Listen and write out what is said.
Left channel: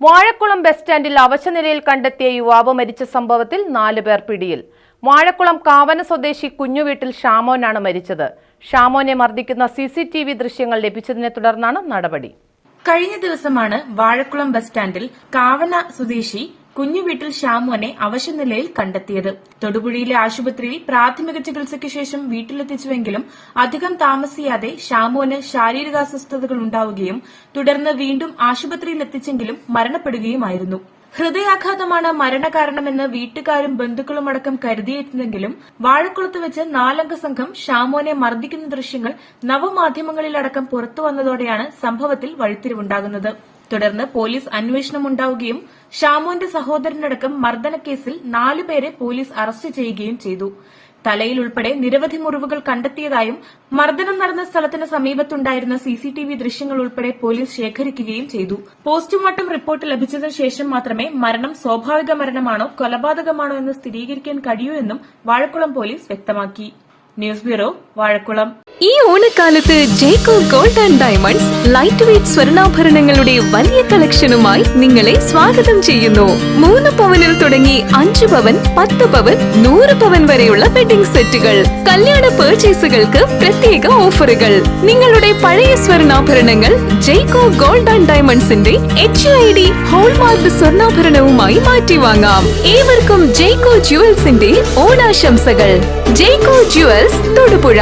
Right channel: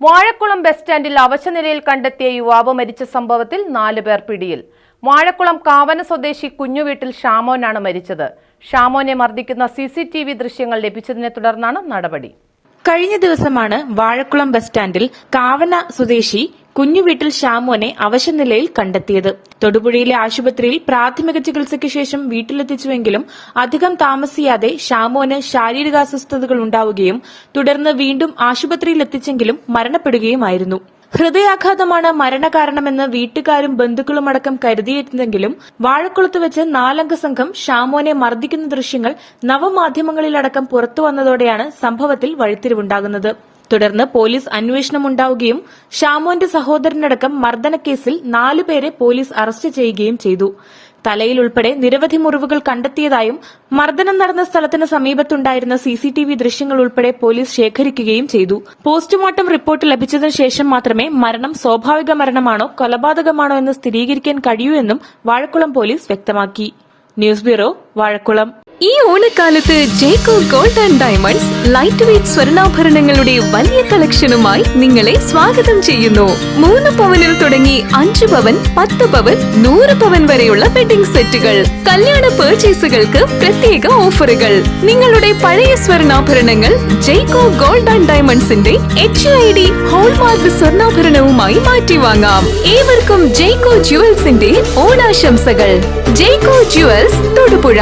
Vazhakulam bus സ്റ്റാൻഡിൽ അവശനിലയിൽ കണ്ടെത്തിയ യുവാവ് മരിച്ച സംഭവത്തിൽ 4 പേർ പിടിയിൽ. വാഴക്കുളം കാവന സ്വദേശി കുഞ്ഞുവീട്ടിൽ ഷാമോനാണ് മരിച്ചത്. ഷാമോനെ മർദ്ദിക്കുന്ന CCTV ദൃശ്യങ്ങൾ ലഭിച്ചതിനെ തുടർന്നാണ് നടപടി. കഴിഞ്ഞ ദിവസമാണ് വാഴക്കുളം ബസ് സ്റ്റാൻഡിൽ കാവന സ്വദേശി കുഞ്ഞുവീട്ടിൽ ഷാമോനെ അവശനിലയിൽ കണ്ടെത്തിയത്. തൊടുപുഴയിലെ ആശുപത്രിയിൽ പ്രാഥമിക ചികിത്സയ്ക്ക് ശേഷം വീട്ടിലെത്തിച്ചുവെങ്കിലും അധികം താമസിയാതെ ഷാമോന് ശാരീരികാസ്വസ്ഥതകൾ ഉണ്ടാവുകയും തുടർന്ന് വീണ്ടും ആശുപത്രിയിൽ എത്തിച്ചെങ്കിലും മരണപ്പെടുകയുമായിരുന്നു. ഹൃദയാഘാതമാണ് മരണകാരണമെന്ന് വീട്ടുകാരും ബന്ധുക്കളുമടക്കം കരുതിയിരുന്നെങ്കിലും വാഴക്കുളത്ത് വെച്ച് 4-അംഗ സംഘം ഷാമോനെ മർദ്ദിക്കുന്ന ദൃശ്യങ്ങൾ നവമാധ്യമങ്ങളിലടക്കം പുറത്തുവന്നതോടെയാണ് സംഭവത്തിൽ വഴിത്തിരിവുണ്ടാകുന്നത്. തുടർന്ന് പോലീസ് അന്വേഷണം ഉണ്ടാവുകയും ഷാമോന്റെ സഹോദരനടക്കം മർദ്ദനക്കേസിൽ 4 പേരെ പോലീസ് അറസ്റ്റ് ചെയ്യുകയും ചെയ്തു. തലയിൽ ഉൾപ്പെടെ നിരവധി മുറിവുകൾ കണ്ടെത്തിയതായും മർദ്ദനം നടന്ന സ്ഥലത്തിന് സമീപത്തുണ്ടായിരുന്ന CCTV ദൃശ്യങ്ങൾ ഉൾപ്പെടെ പോലീസ് ശേഖരിക്കുകയും ചെയ്തു. പോസ്റ്റ്മോർട്ടം റിപ്പോർട്ട് ലഭിച്ചതിനു ശേഷം മാത്രമേ മരണം സ്വാഭാവിക മരണമാണോ കൊലപാതകമാണോ എന്ന് സ്ഥിരീകരിക്കാൻ കഴിയൂ എന്നും വാഴക്കുളം പോലീസ് വ്യക്തമാക്കി. News bureau, Vazhakulam. ഈ ഓണക്കാലത്ത് ജേക്കോ gold and diamonds light weight സ്വർണ്ണാഭരണങ്ങളുടെ വലിയ കളക്ഷനുമായി നിങ്ങളെ സ്വാഗതം ചെയ്യുന്നു. 3 പവനിൽ തുടങ്ങി 5 പവൻ, 10 പവൻ, 100 പവൻ വരെയുള്ള വെഡിംഗ് സെറ്റുകൾ. കല്യാണ പർച്ചേസുകൾക്ക് പ്രത്യേക ഓഫറുകൾ. നിങ്ങളുടെ പഴയ സ്വർണ്ണാഭരണങ്ങൾ ജേക്കോ ഗോൾഡ് ആൻഡ് ഡയമണ്ട്സിന്റെ HUID ഹോൾമാർക്ക് സ്വർണ്ണാഭരണവുമായി മാറ്റി വാങ്ങാം. ഏവർക്കും ജേക്കോ ജുവൽസിന്റെ ഓണാശംസകൾ. ജേക്കോ ജുവൽസ്, തൊടുപുഴ.